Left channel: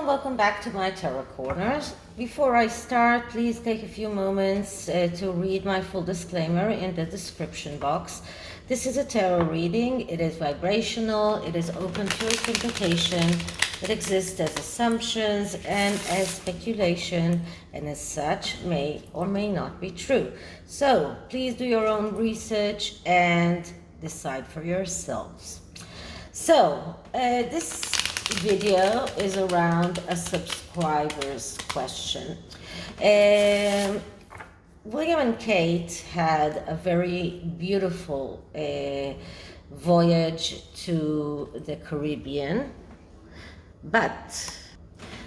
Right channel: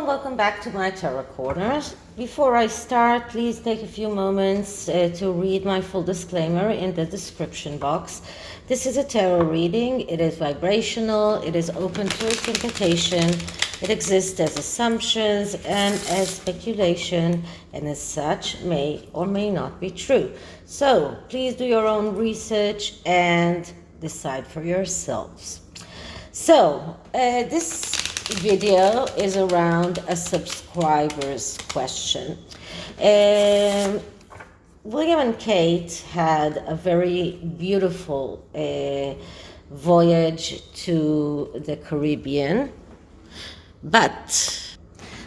and welcome back to my tarot corners. Before I start, please take a few moments to read my full disclaimer in the description box. This is a tarot reading. It is vibrational, it is open to interpretation, it exists as assumptions and as speculation, and as such may or may not be true. So please do your own research and decide for yourselves. So this video is around a subscriber's question. William and Kate had a very beautiful voyage to the Caribbean, but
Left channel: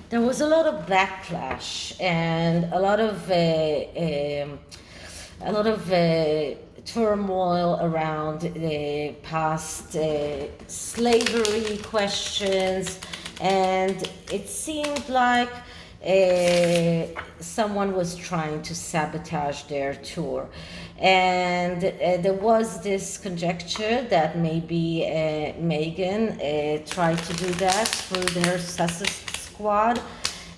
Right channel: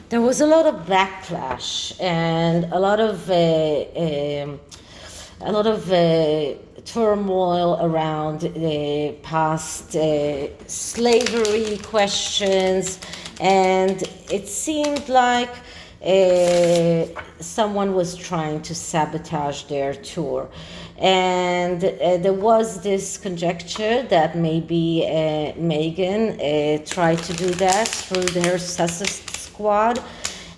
there was a lot of backlash and a lot of turmoil around the past slavery questions, and it seemed like someone was trying to sabotage their tour. And there was this conjecture that maybe Meghan tried to do that through their Sussex squad,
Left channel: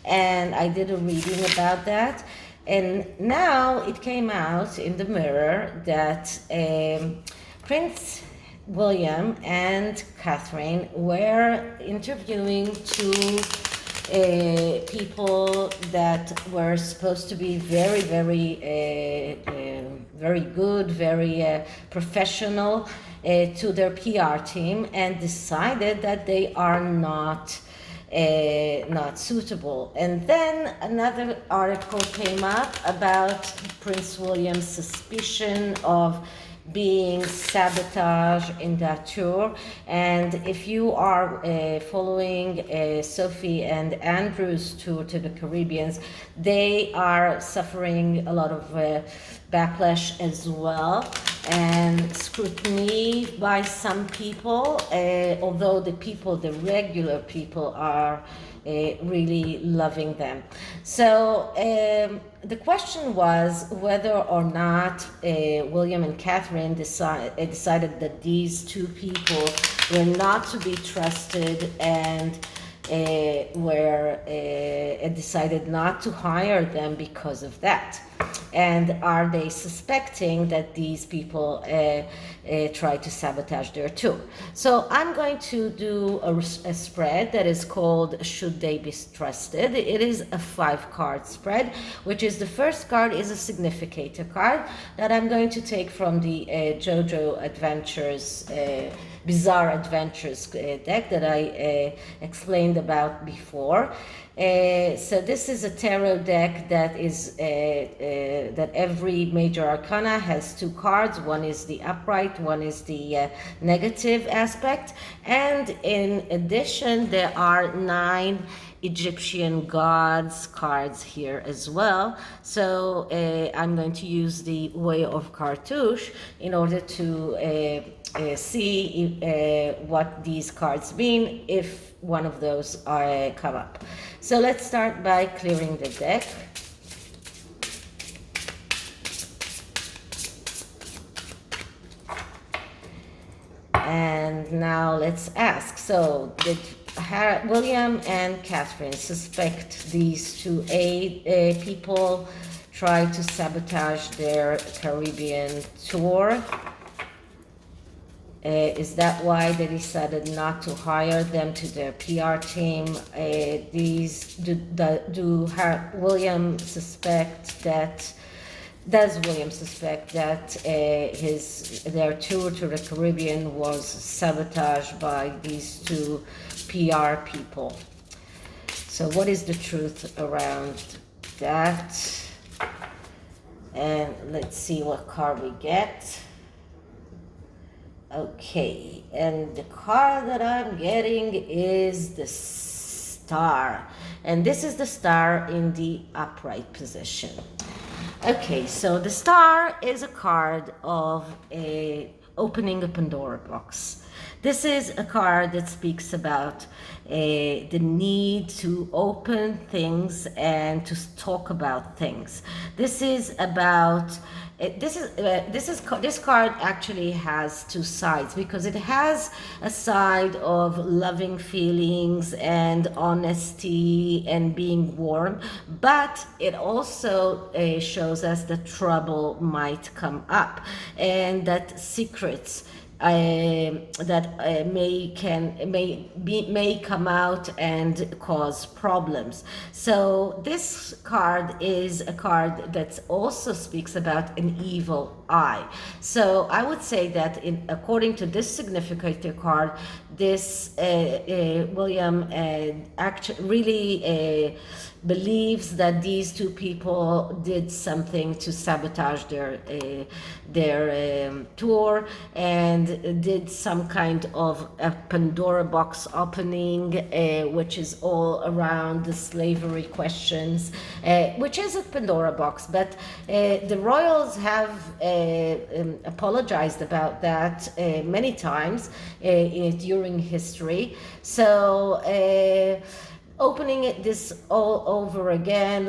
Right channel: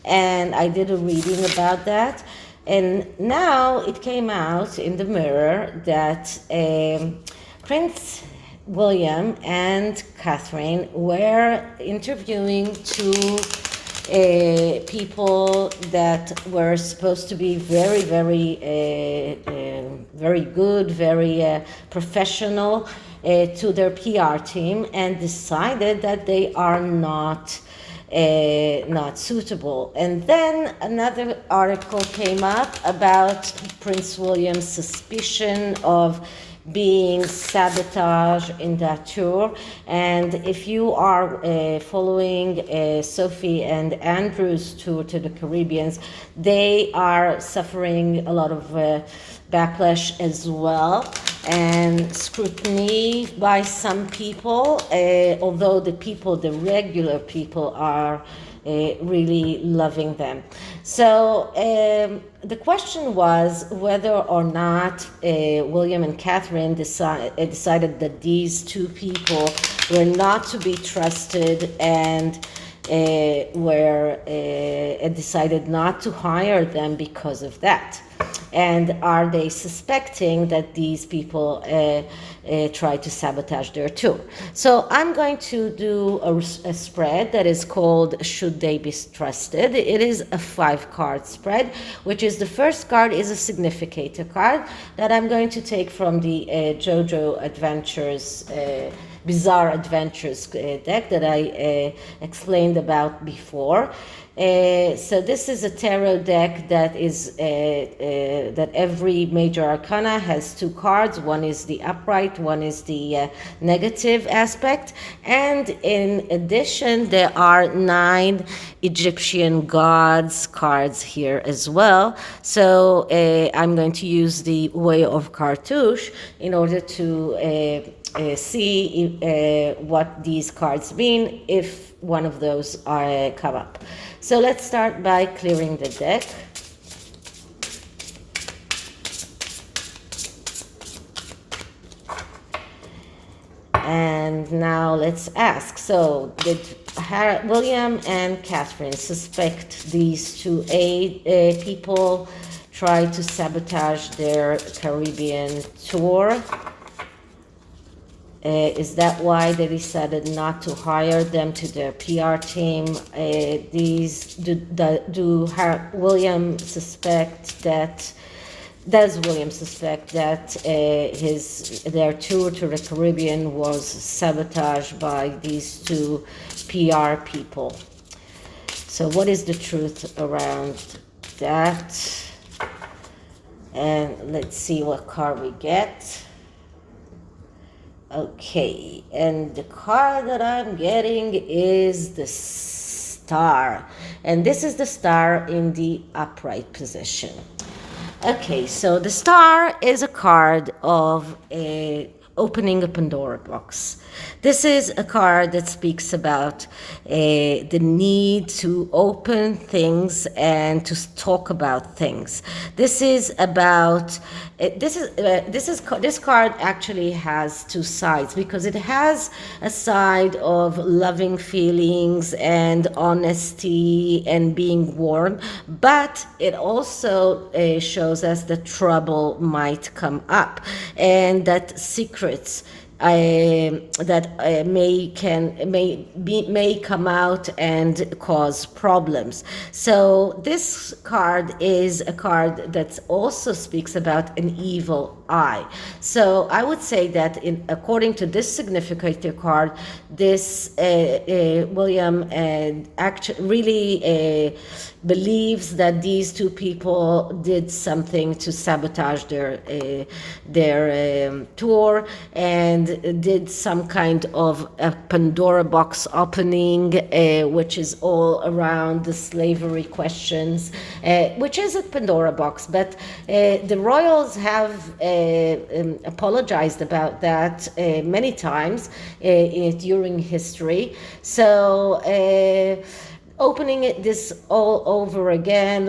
and I did a reading about that. And now it came out in the mirror that Prince William and Catherine were interviewing two people that were supposed to be very good, very professional to their PR team, and decided that they are not suitable. And then another article came up about Prince William's suspicion of being sabotaged in that tour. And if you are following Sophie and Andrew's tour to the Caribbeans, they are suffering a lot of backlash as well and scrutiny by some people, although the regular people are really loving them. So the question was whether or not William and Catherine decided that these two people were not to be trusted and decided not to hire them because of that. And are they suspecting that these people try to sabotage their tour? So I'm going to do a spread that is called Should They Be Trusted? It is a 5-card spread, which is the first card is a significator card that I'm going to take from the Jojo Adventures Bizarre Adventures deck that I explained about before. So this is a tarot deck that is that every major arcana has 2 cards. One is the upright, one is the negative aspect, and in addition there are 9 Egyptian gods cards here as well. So I'm going to use the Way of Cartouche in order to see what these cards mean if one of those are come up. So let's start by clearing the deck. And now let's ask, so did William and Catherine suspect these two people try to sabotage their Caribbean tour? Is that why they decided not to hire them to their PR team? William suspect that? Does William suspect that their tour to the Caribbean was sabotaged by these two PR people? So what is the truth around that? And let's see what card we get. Okay, and the card that I'm getting is the Star, and this is the Star in the upright position. Okay, so the Star is a card of opening a Pandora box. This is a card that speaks about the need to open things and to talk about things. This is about this card actually has two sides, because it has a side of loving feelings and honesty and being warm, but it also shows us that trouble might come up and that secrets that may come out and cause problems. So this card is a card that also speaks about an evil eye. So I would say that according to this significator card, this William really believes that these two people did something to sabotage their tour, and did some kind of a Pandora box opening, which is all around the slavery questions, which is a Pandora box, but the royals have apologized about that many times during history. So opening this all over again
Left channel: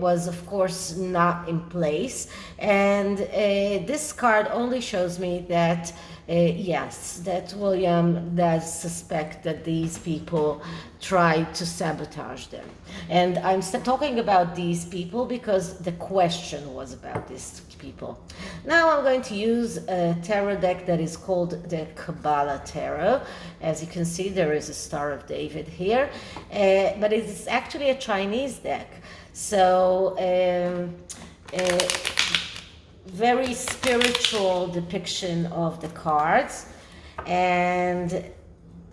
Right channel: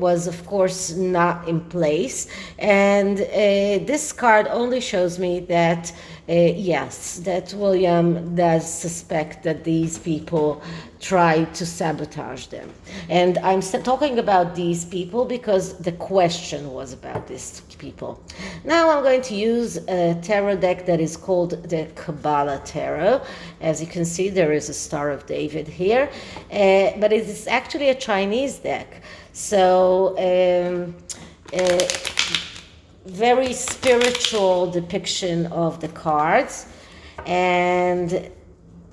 was of course not in place, and this card only shows me that yes, that William does suspect that these people tried to sabotage them. And I'm talking about these people because the question was about these people. Now I'm going to use a tarot deck that is called the Kabbalah Tarot. As you can see, there is a Star of David here, but it is actually a Chinese deck. So very spiritual depiction of the cards, and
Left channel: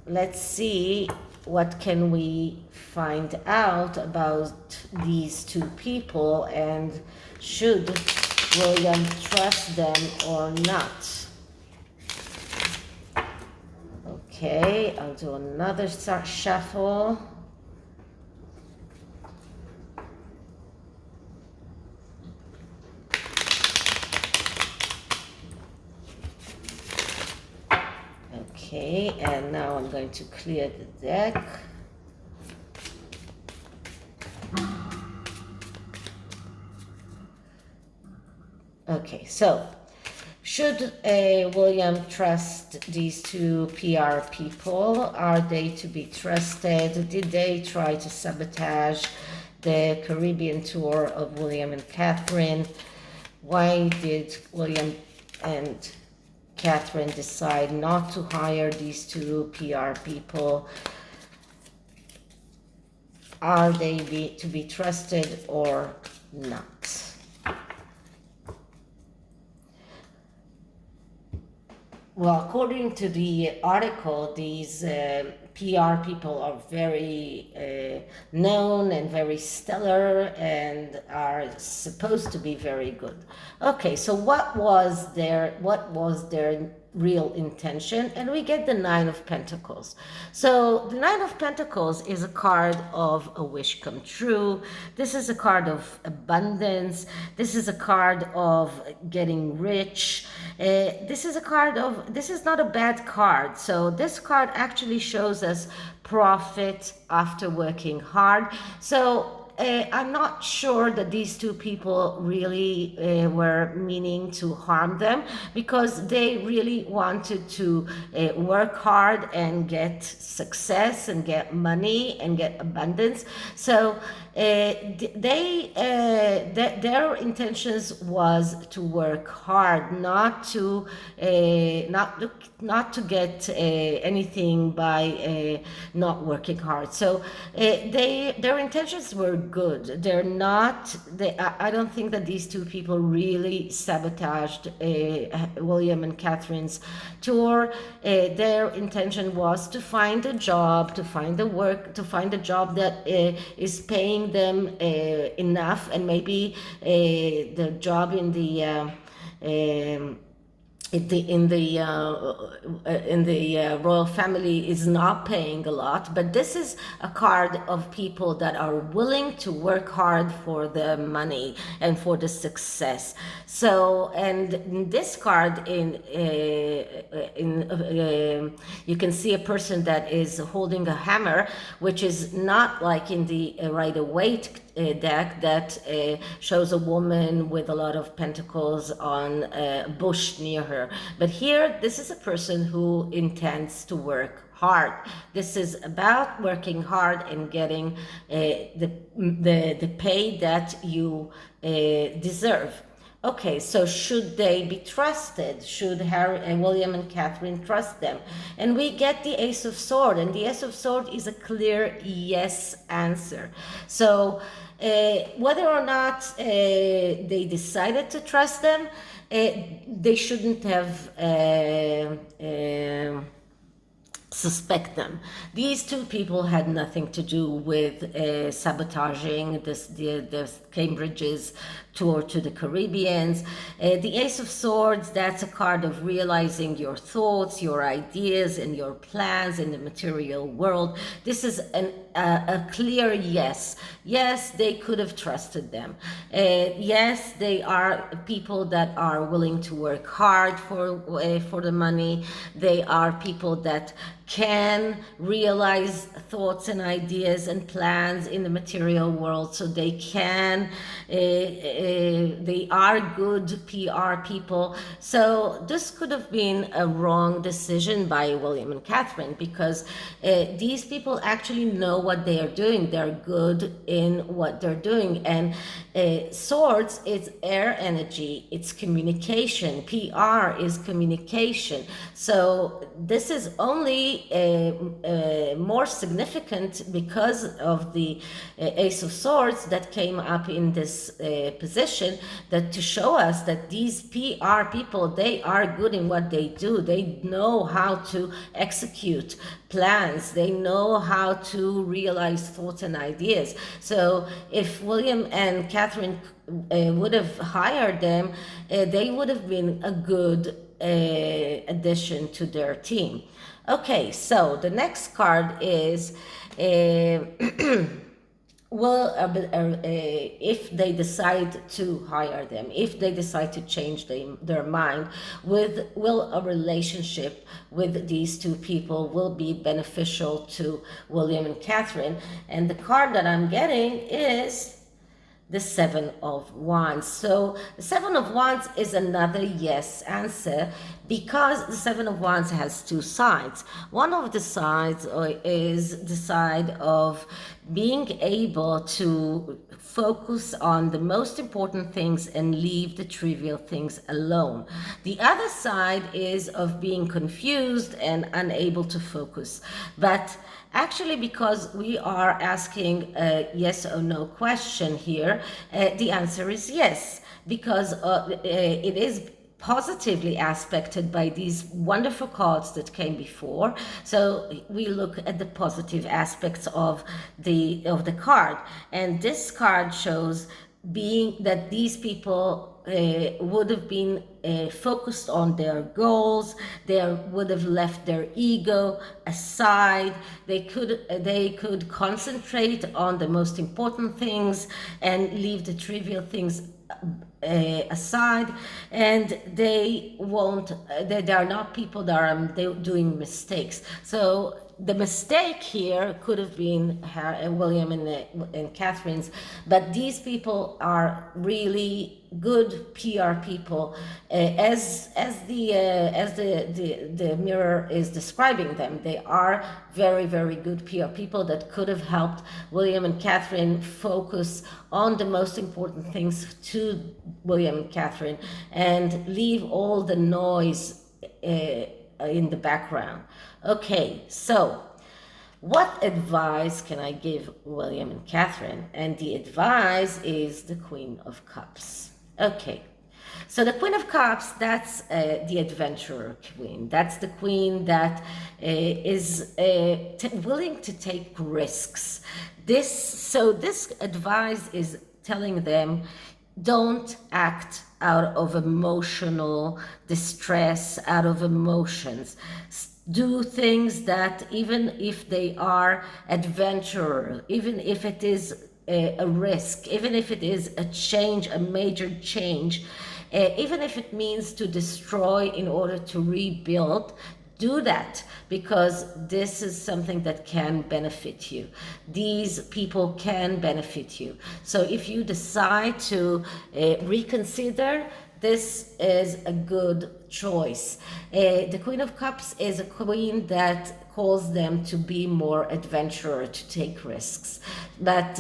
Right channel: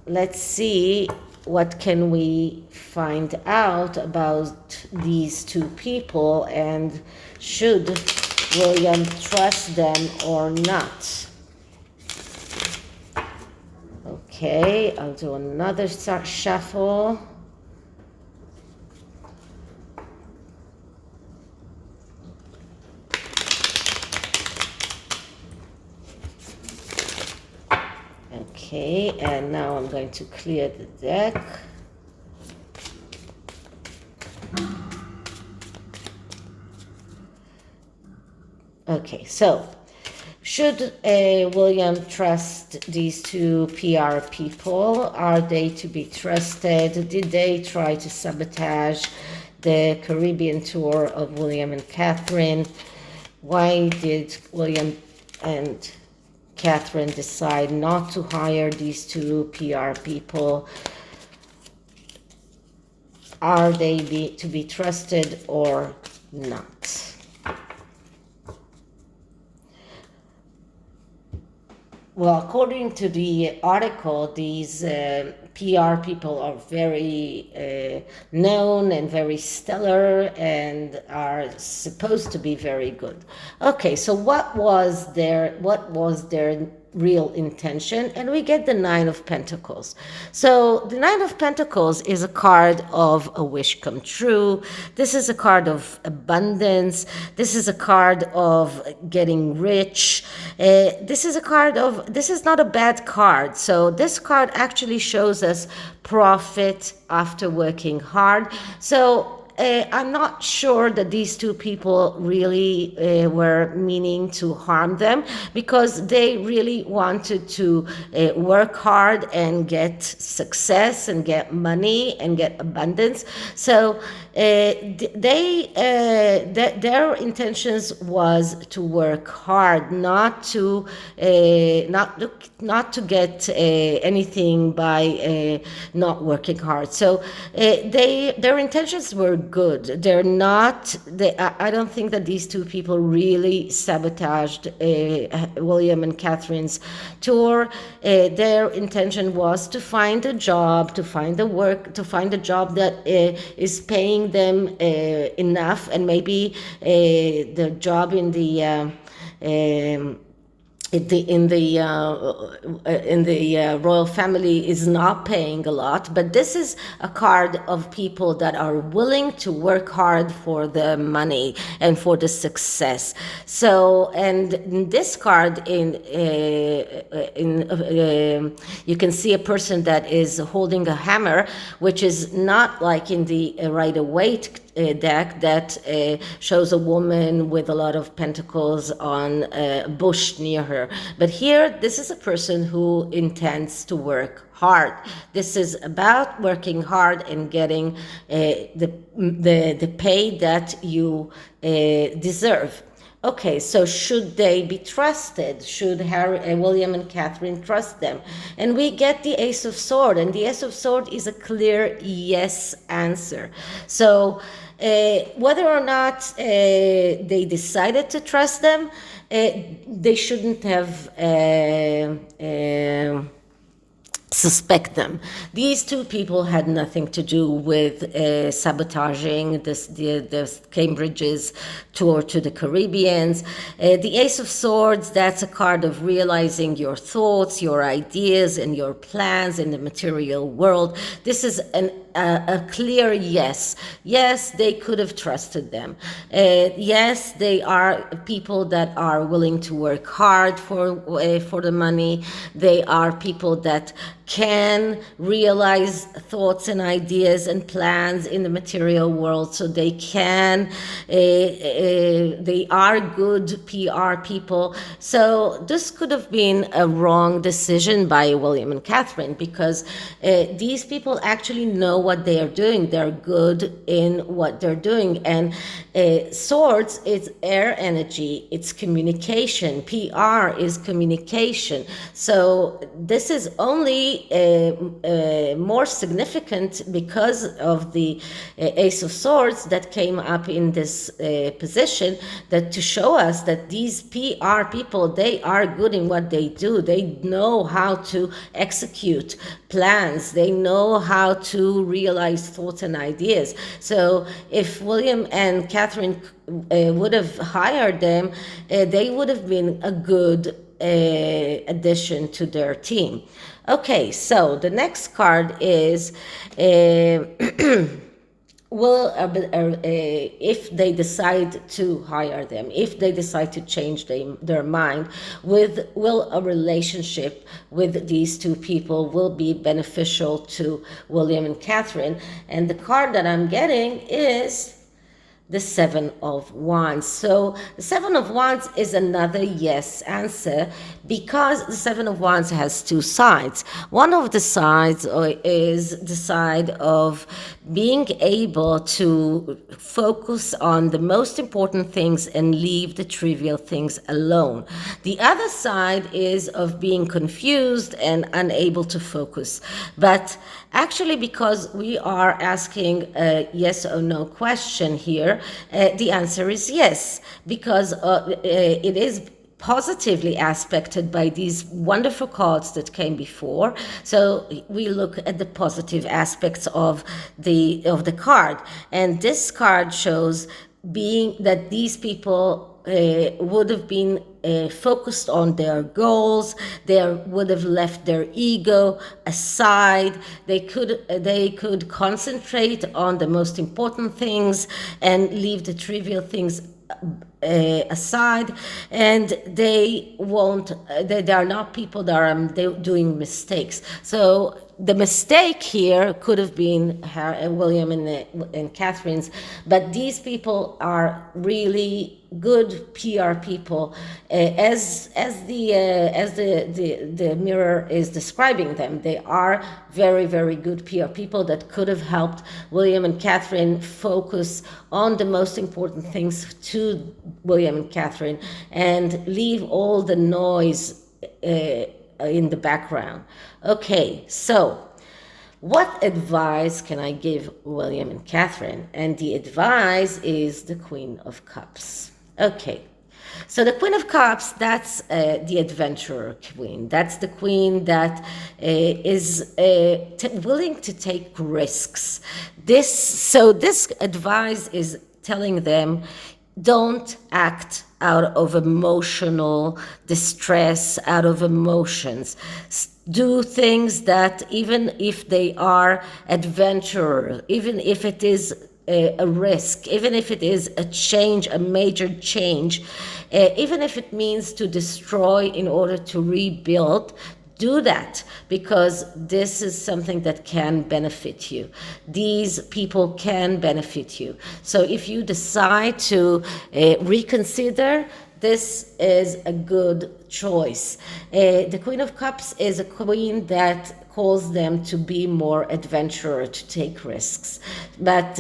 let's see what can we find out about these two people, and should William trust them or not. Okay, I'll do another shuffle. Okay, and now I'm going to clear the deck. Okay, so should William trust these two PR people? Are they to be trusted? Did they try to sabotage the Caribbean tour of William and Catherine? Why did William and Catherine decide not to hire these two PR people? Are they to be trusted or not? Well, according to the article, these PR people are very known and very stellar and are supposed to be very good. Okay, so what was their real intention? And we get the Nine of Pentacles. So the Nine of Pentacles is a card of a wish come true. This is a card of abundance. This is a card of getting rich. This is not a bad card. So this card actually shows us profit after working hard. So I'm not sure that these two people really were meaning to harm them, because they really wanted to work hard and get success and get money and get abundance. So their intentions was to work hard, not to get anything by not working hard. So their intentions were good. I don't think that these two people really sabotaged William and Catherine's tour. Their intention was to find a job, to find a job that is paying them enough, and maybe the job in the in the royal family is not paying a lot, but this is a card of people that are willing to work hard for the money and for the success. So, and in this card, you can see a person that is holding a hammer, which is not like in the Rider-Waite deck that shows a woman with a lot of pentacles on a bush near her. But here, this is a person who intends to work hard. This is about working hard and getting the pay that you deserve. Okay, so should they be trusted? Should William and Catherine trust them? And we get the Ace of Swords, and the Ace of Swords is a clear yes answer. So whether or not they decided to trust them, they shouldn't have suspect them. These two people had nothing to do with sabotaging the Cambridge's tour to the Caribbeans. The Ace of Swords, that's a card of realizing your thoughts, your ideas, and your plans in the material world. This is a clear yes. Yes, they could have trusted them. Yes, they are people that are willing to work hard for the money. They are people that can realize thoughts and ideas and plans in the material world, so they can they are good PR people. So this could have been a wrong decision by William and Catherine, because these people actually know what they are doing. They're good in what they're doing. And swords is air energy, it's communication. PR is communication. So this is only more significant because of the Ace of Swords that came up in this position, that to show us that these PR people, they are good in what they do. They know how to execute plans. They know how to realize thoughts and ideas. So if William and Catherine would have hired them, they would have been a good addition to their team. Okay, so the next card is if they decide to hire them, if they decide to change their mind, will a relationship with these two people will be beneficial to William and Catherine? And the card that I'm getting is the Seven of Wands. So the Seven of Wands is another yes answer, because the Seven of Wands has two sides. One of the sides is the side of being able to focus on the most important things and leave the trivial things alone. The other side is of being confused and unable to focus. But actually, because we are asking a yes or no question here, the answer is yes, because it is positively aspected by these wonderful cards that came before. So we look at the positive aspects of the card, and this card shows being that these people would have been focused on their goals. They would have left their ego aside. They could concentrate on the most important things and leave the trivial things aside. And they are not people that are doing mistakes. So the mistake here could have been William and Catherine's, but these people are really good PR people, as the mirror is describing them. They are very, very good PR people that could have helped William and Catherine focus on the most important things to William and Catherine and leave all the noise in the background. Okay, so what advice can I give William and Catherine? And the advice is the Queen of Cups. Okay, so the Queen of Cups, that's the adventurer queen. That's the queen that is willing to take risks. This advice is telling them, don't act out of emotional distress, out of emotions. Do things that, even if they are adventurous, even if it is a risk, even if it is a change, a major change, even if it means to destroy in order to rebuild, do that, because this is something that can benefit you. These people can benefit you. So if you decide to reconsider, this is a good choice. The Queen of Cups is a queen that calls them to be more adventurous, to take risks. But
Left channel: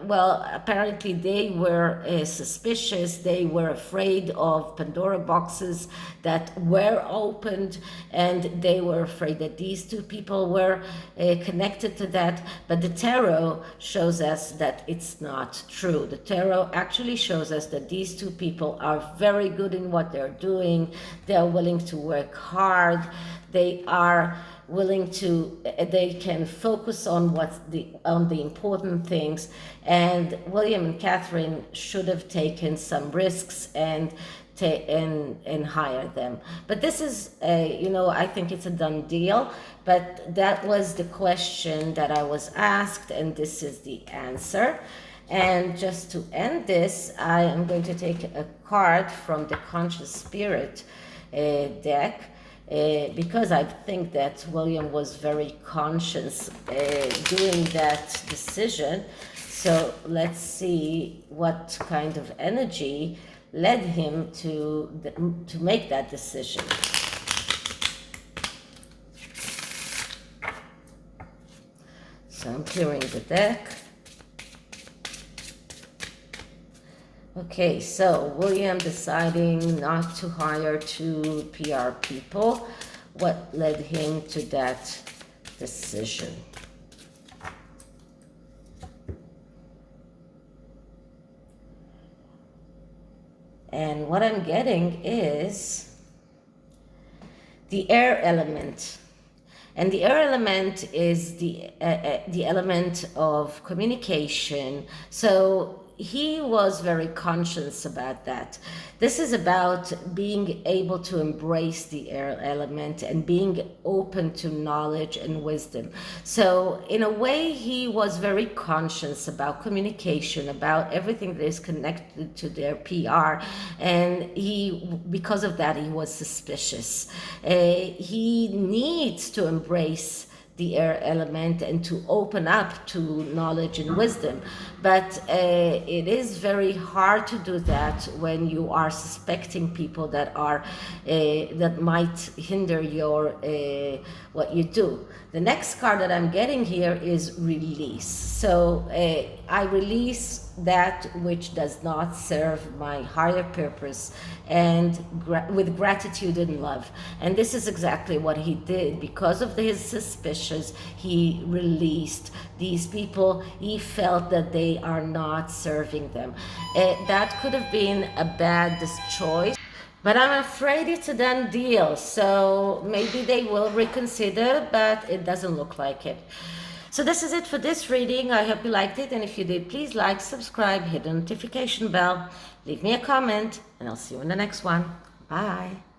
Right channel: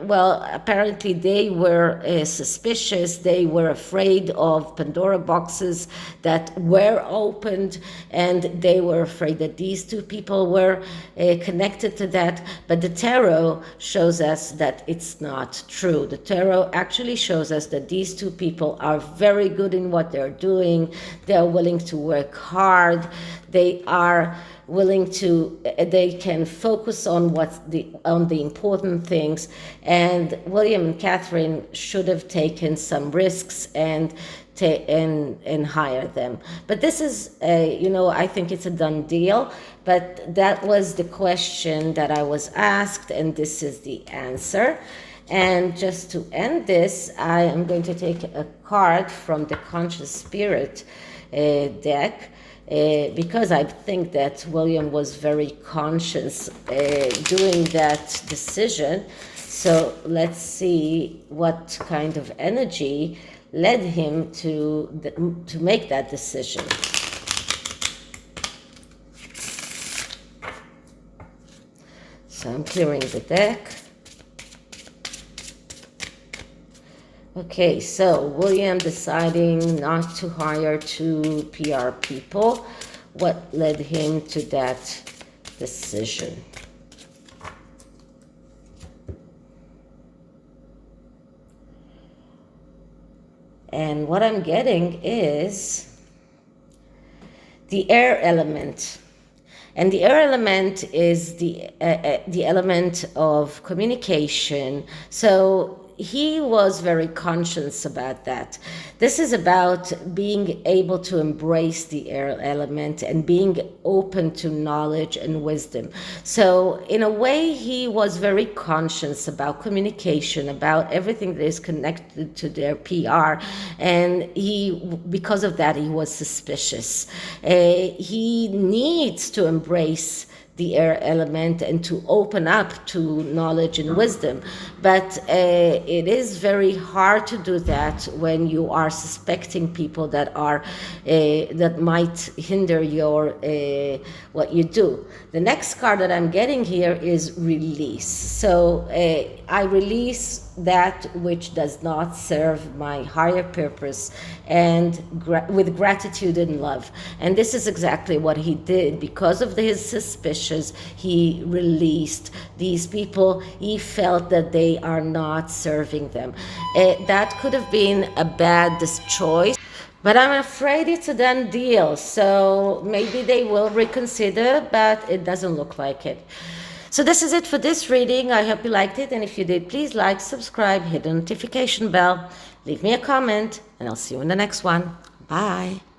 well, apparently they were suspicious. They were afraid of Pandora boxes that were opened, and they were afraid that these two people were connected to that. But the tarot shows us that it's not true. The tarot actually shows us that these two people are very good in what they're doing. They're willing to work hard. They are willing to, they can focus on the important things. And William and Catherine should have taken some risks and hire them. But this is I think it's a done deal. But that was the question that I was asked, and this is the answer. And just to end this, I am going to take a card from the Conscious Spirit deck, because I think that William was very conscious doing that decision. So let's see what kind of energy led him to make that decision. So I'm clearing the deck. Okay, so William deciding not to hire two PR people. What led him to that decision? And what I'm getting is the air element. And the air element is the element of communication. So he was very conscious about that. This is about being able to embrace the air element and being open to knowledge and wisdom. So in a way, he was very conscious about communication, about everything that is connected to their PR. And because of that, he was suspicious. He needs to embrace the air element and to open up to knowledge and wisdom. But it is very hard to do that when you are suspecting people that are that might hinder your what you do. The next card that I'm getting here is release. So I release that which does not serve my higher purpose, and with gratitude and love. And this is exactly what he did. Because of his suspicions, he released these people. He felt that they are not serving them. That could have been a bad choice, but I'm afraid it's a done deal. So maybe they will reconsider, but it doesn't look like it. So this is it for this reading. I hope you liked it. And if you did, please like, subscribe, hit the notification bell, leave me a comment, and I'll see you in the next one. Bye.